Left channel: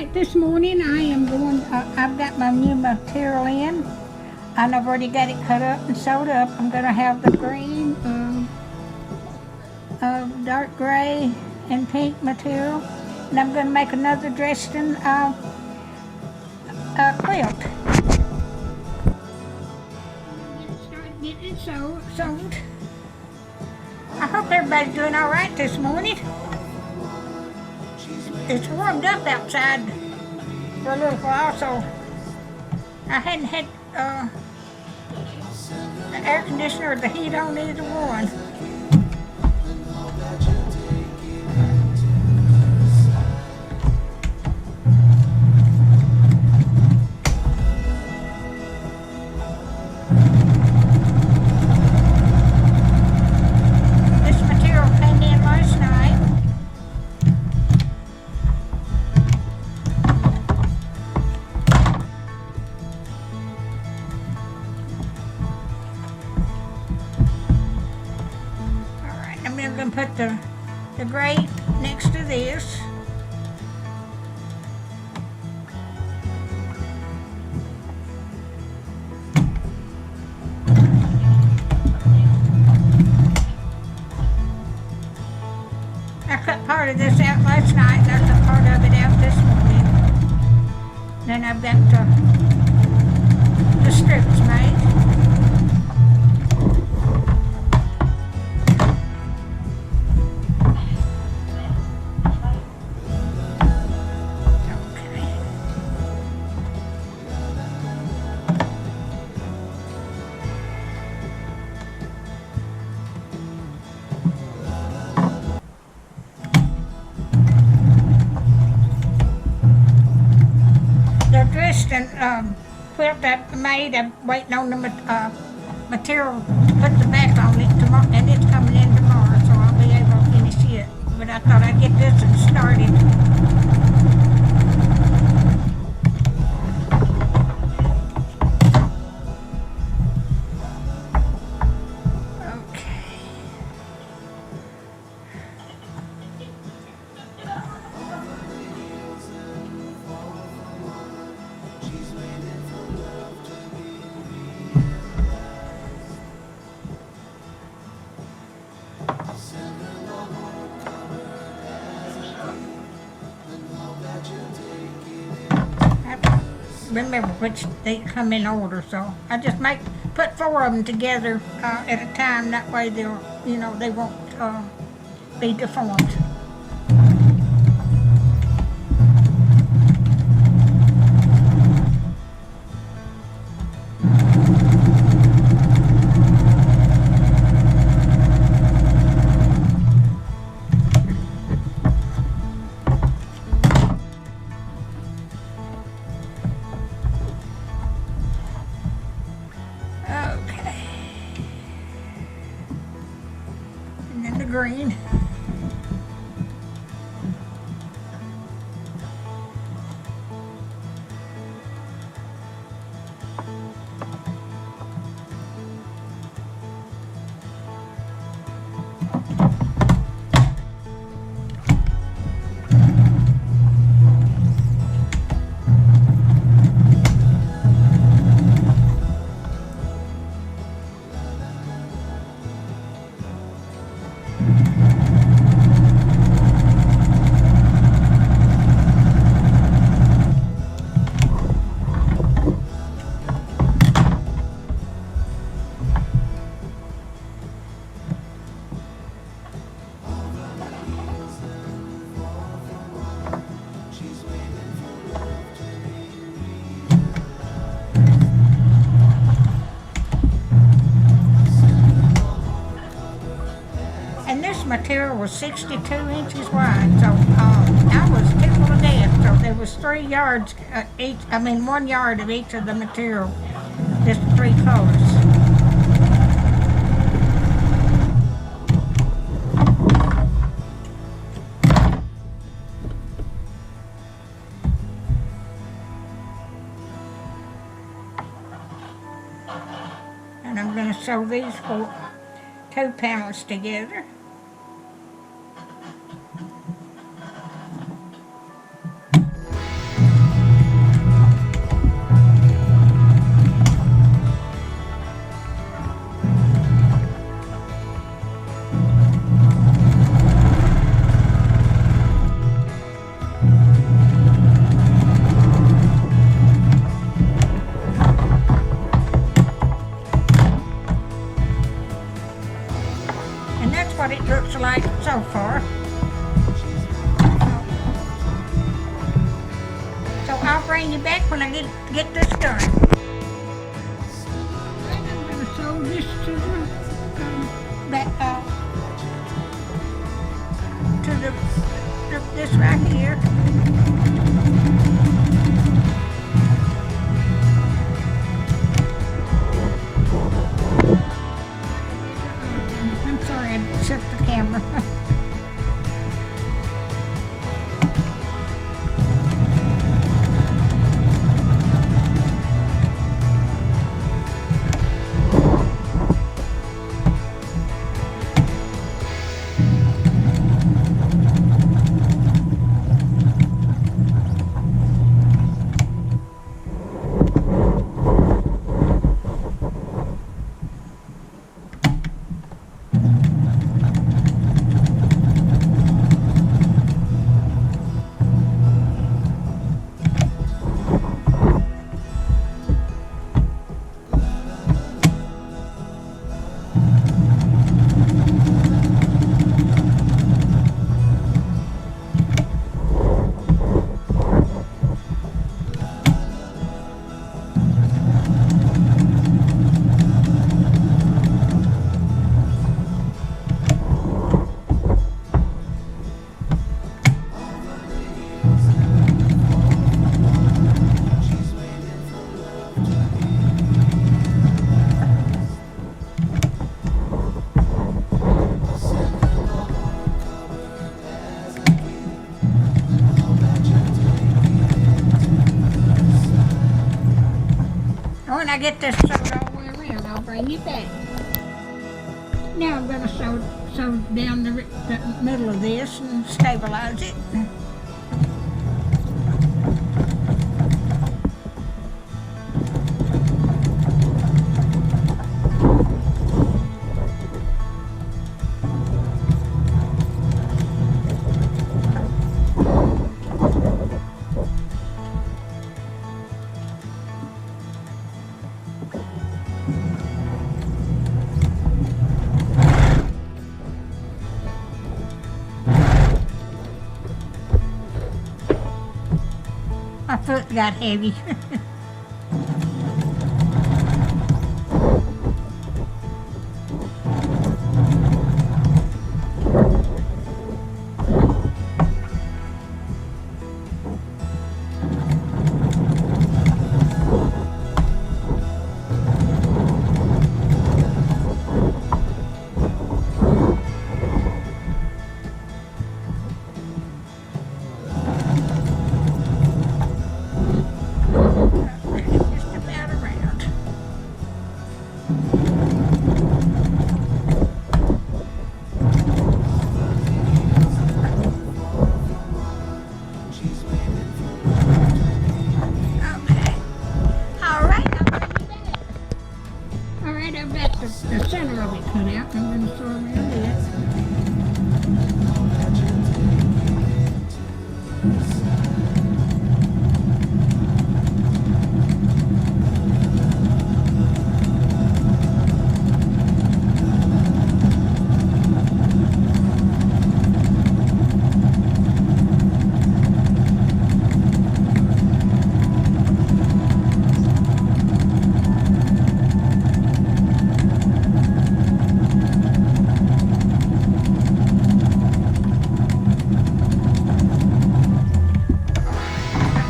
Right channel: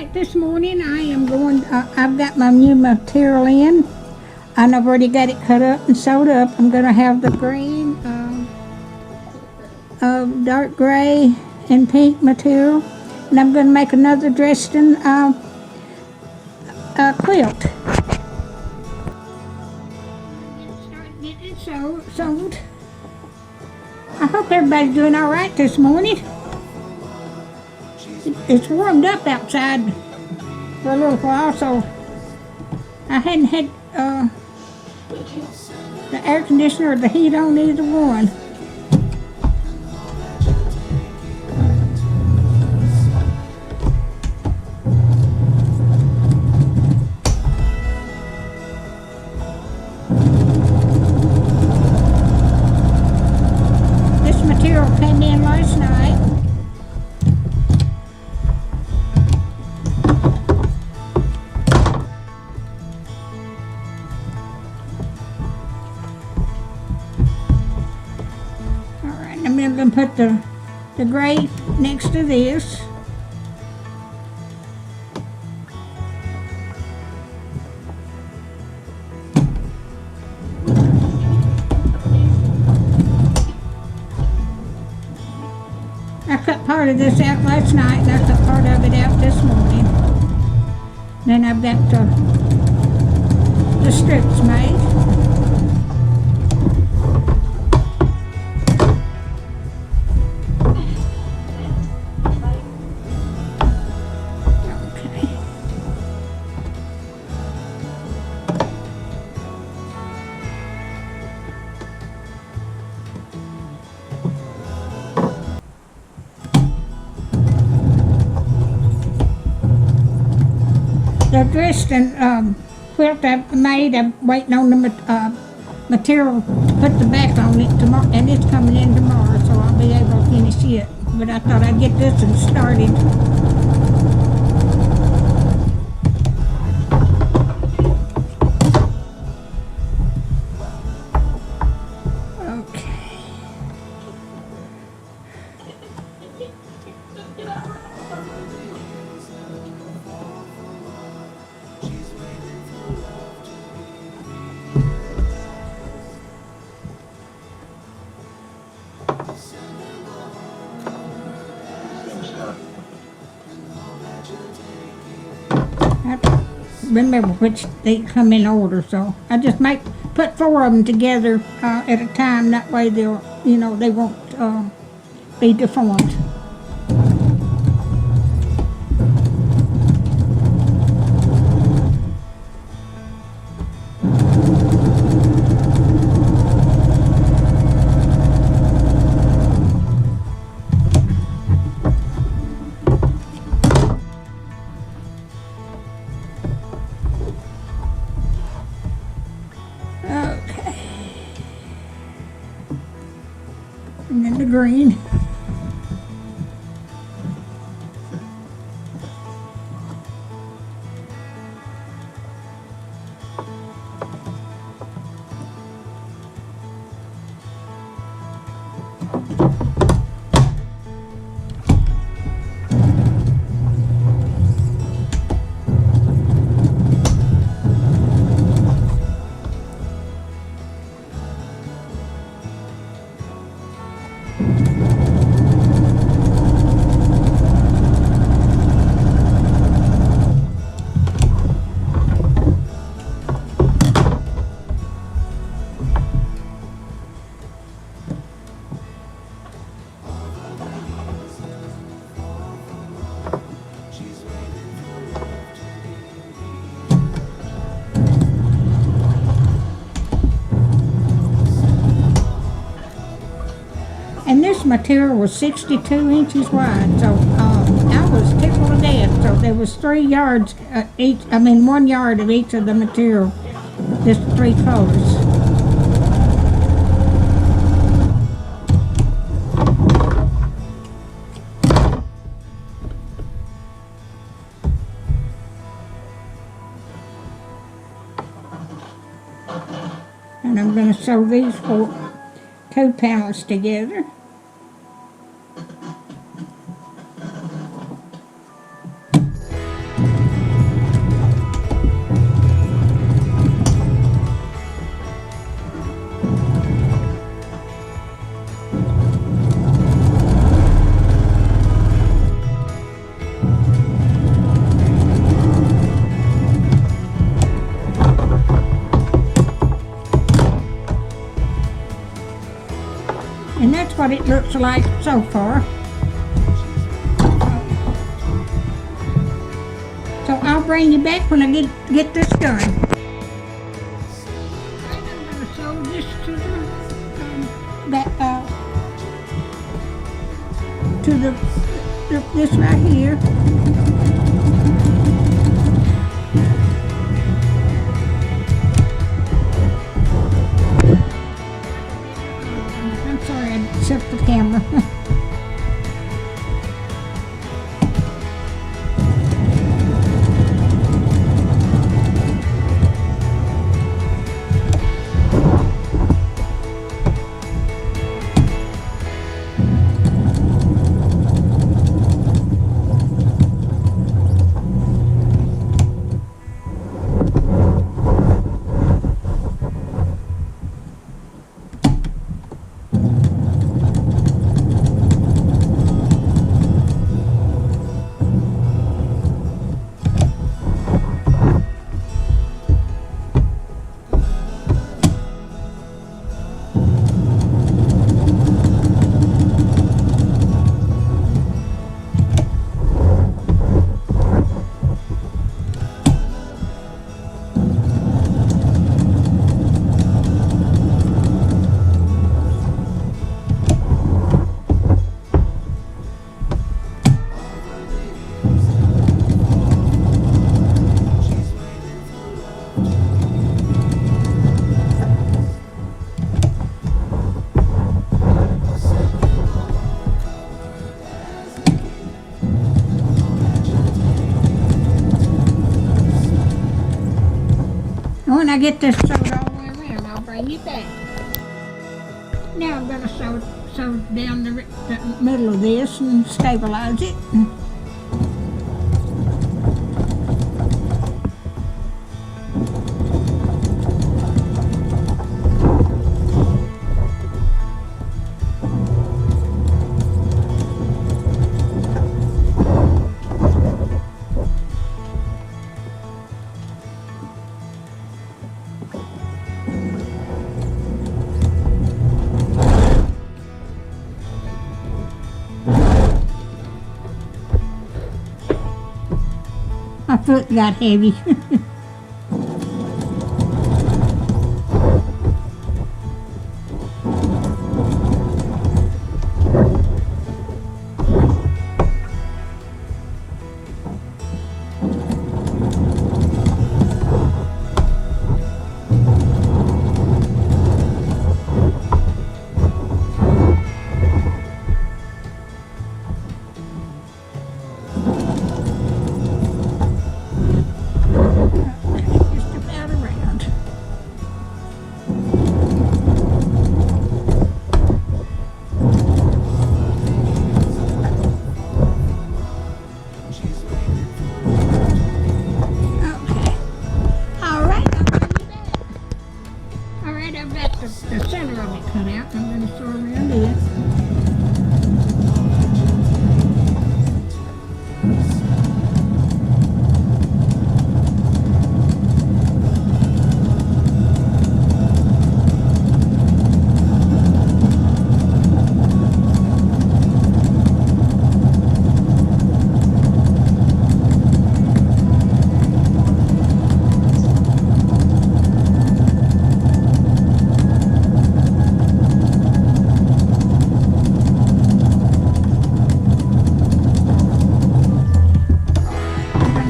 right, this morning I am going, I've got my new material in, and I've already got it cut up and sewed up. I'm going to have the green, dark gray, and pink material, and I'm going to make another Dresden quilt. Start getting it sewed. I hope everybody's doing all right this morning. It's warmed up outside for a little while, so I hadn't had the air conditioner or the heat on either one. This material came in last night. I'm going to put the gray next to this. I cut part of this out last night, and I cut part of it out this morning. Then I've got the strips made. The Dresden quilt I made, I'm waiting on the material to put the back on it tomorrow, and it's coming in tomorrow, so I'll be able to finish it. But I thought I'd get this one started. Remember which they come in order, so I just put 4 of them together at a time. That way they'll, they won't be deformed. And then the green. And this material was 62 inches wide, so I was tickled to death. So there was 3 yards each, 1 yard of each of the material, just 3 colors. And I'm going to sew these 2 panels together. And that's what it looks like so far. So I'll bring you back when I get this done. Alright, I'm going to sew this to this right here. I'm sorry, I shut the camera. When I get this sewed all the way around, I'll bring you back. Now I'm going to sew down the middle of this and stabilize it. My foot got heavy. I've got the center of it cut out. I'm going to sew around it.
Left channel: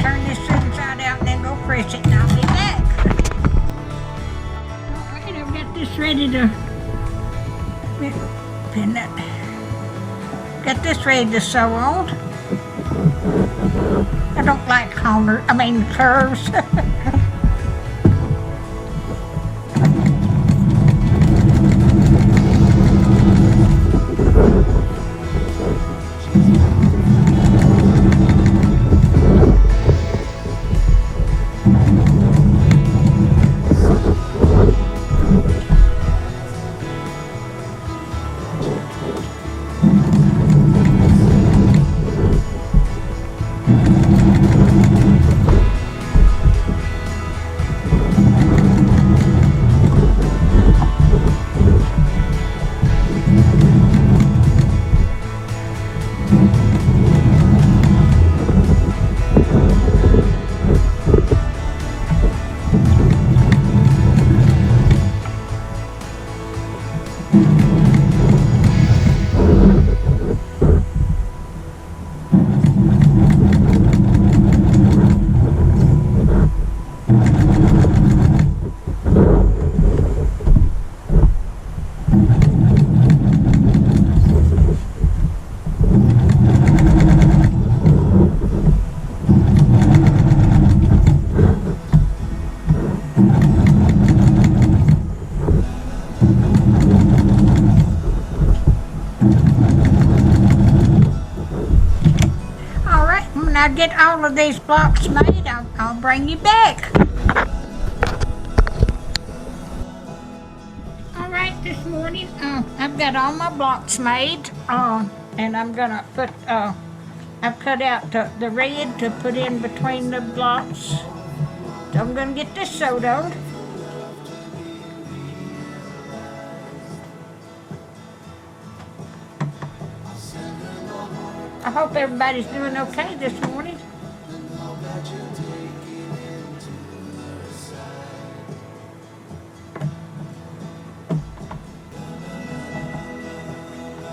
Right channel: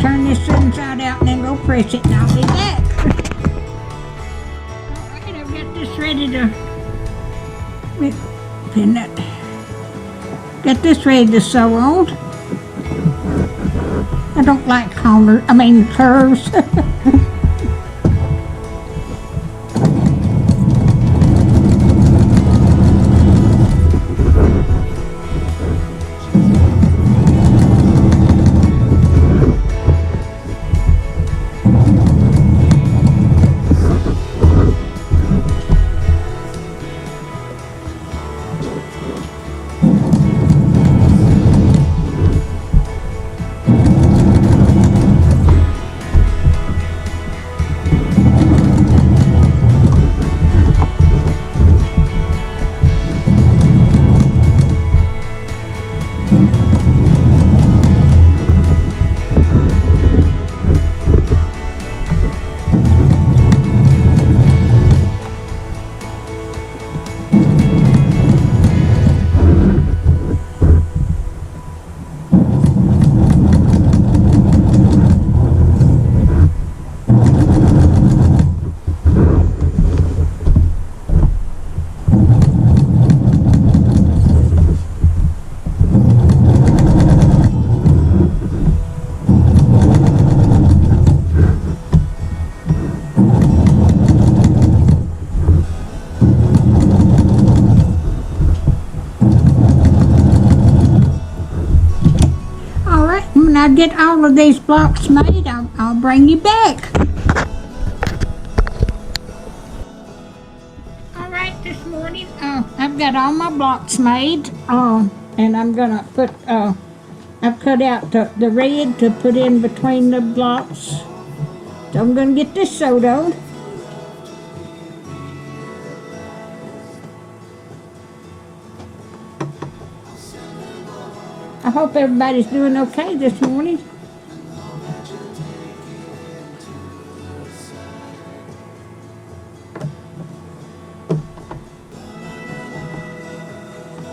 Turn this inside out and then go press it and I'll be back. Alright, I've got this ready to pin that. Got this ready to sew on. I don't like curves. when I get all of these blocks made, I'll bring you back. All right, this morning, I've got all my blocks made, and I'm gonna put, I've cut out the red to put in between the blocks. So I'm gonna get this sewed on. I hope everybody's doing okay this morning.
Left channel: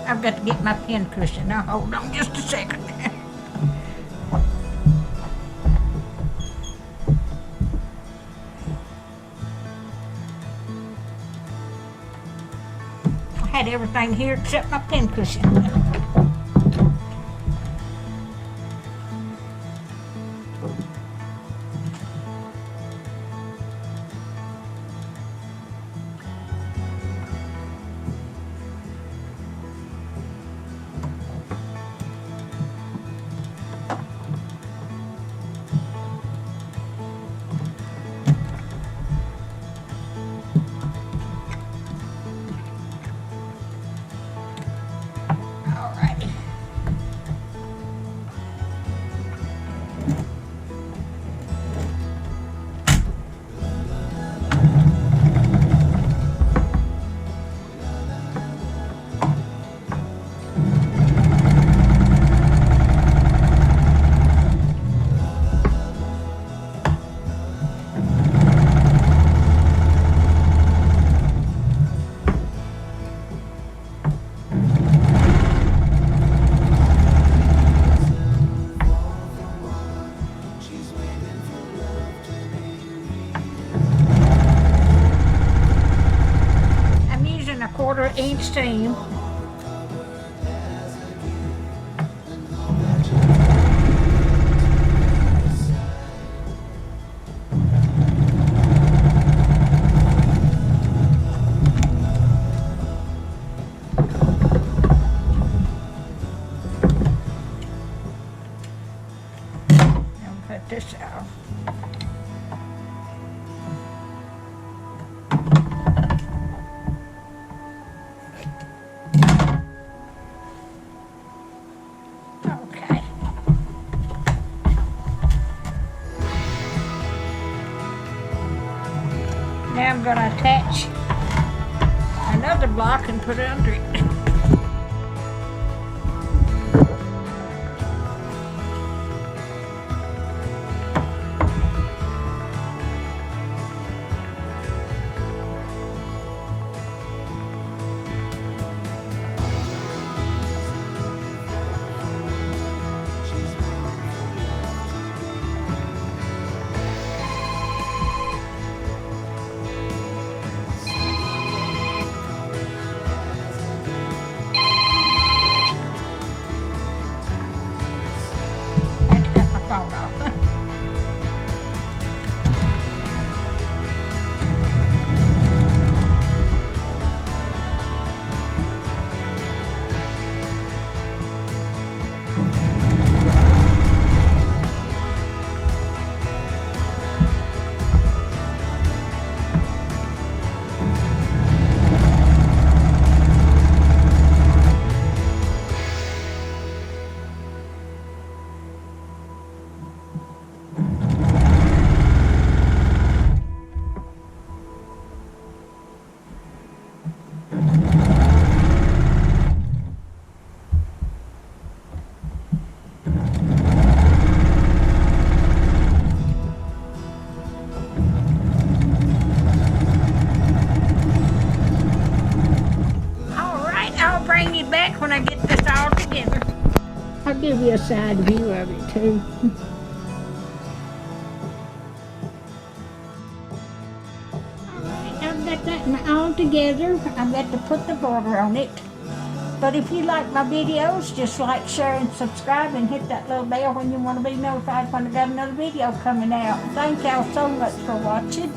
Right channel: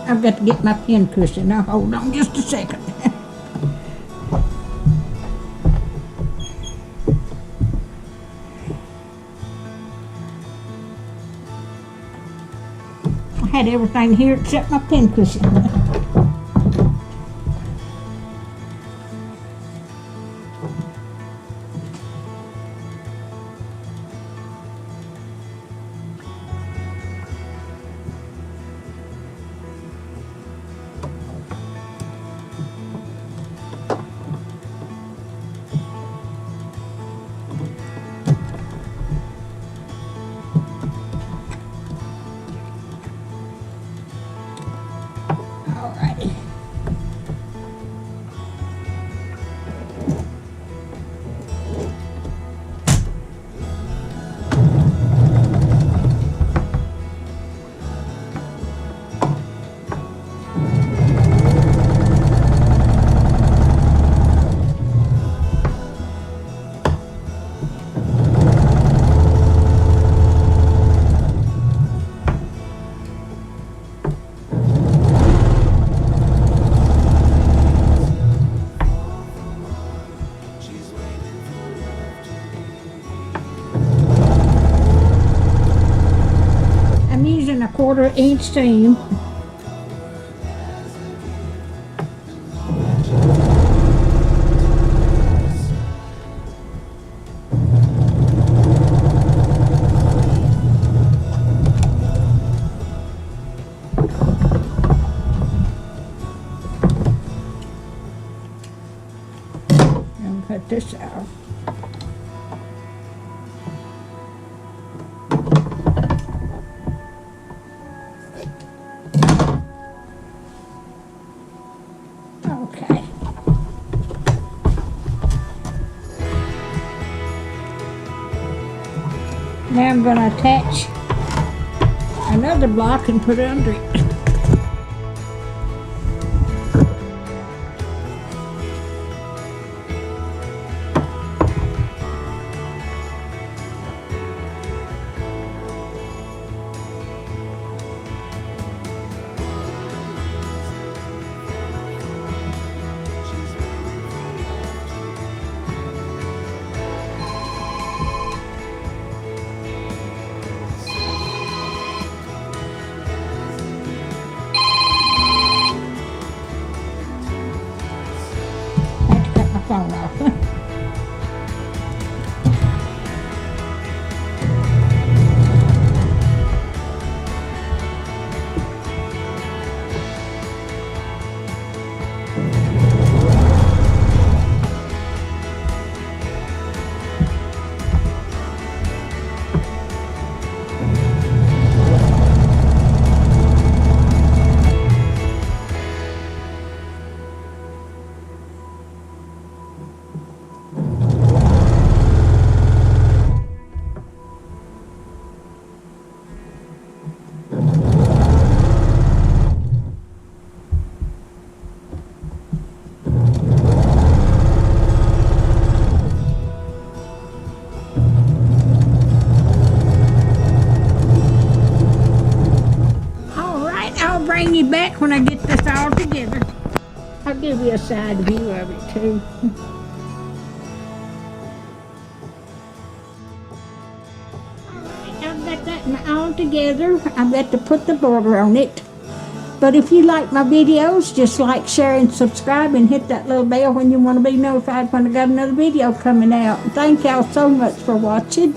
I've got to get my pin cushion. Now hold on just a second. I had everything here except my pin cushion. I'm using a 1/4 inch seam. And cut this out. Okay. Now I'm going to attach another block and put it under it. Bring you back when I get this all together. I'll give you a side view of it too. Alright, I've got that all together. I've got to put the border on it. But if you like my videos, just like, share, and subscribe, and hit that little bell when you want to be notified when I got another video coming out. Thank y'all so much for watching.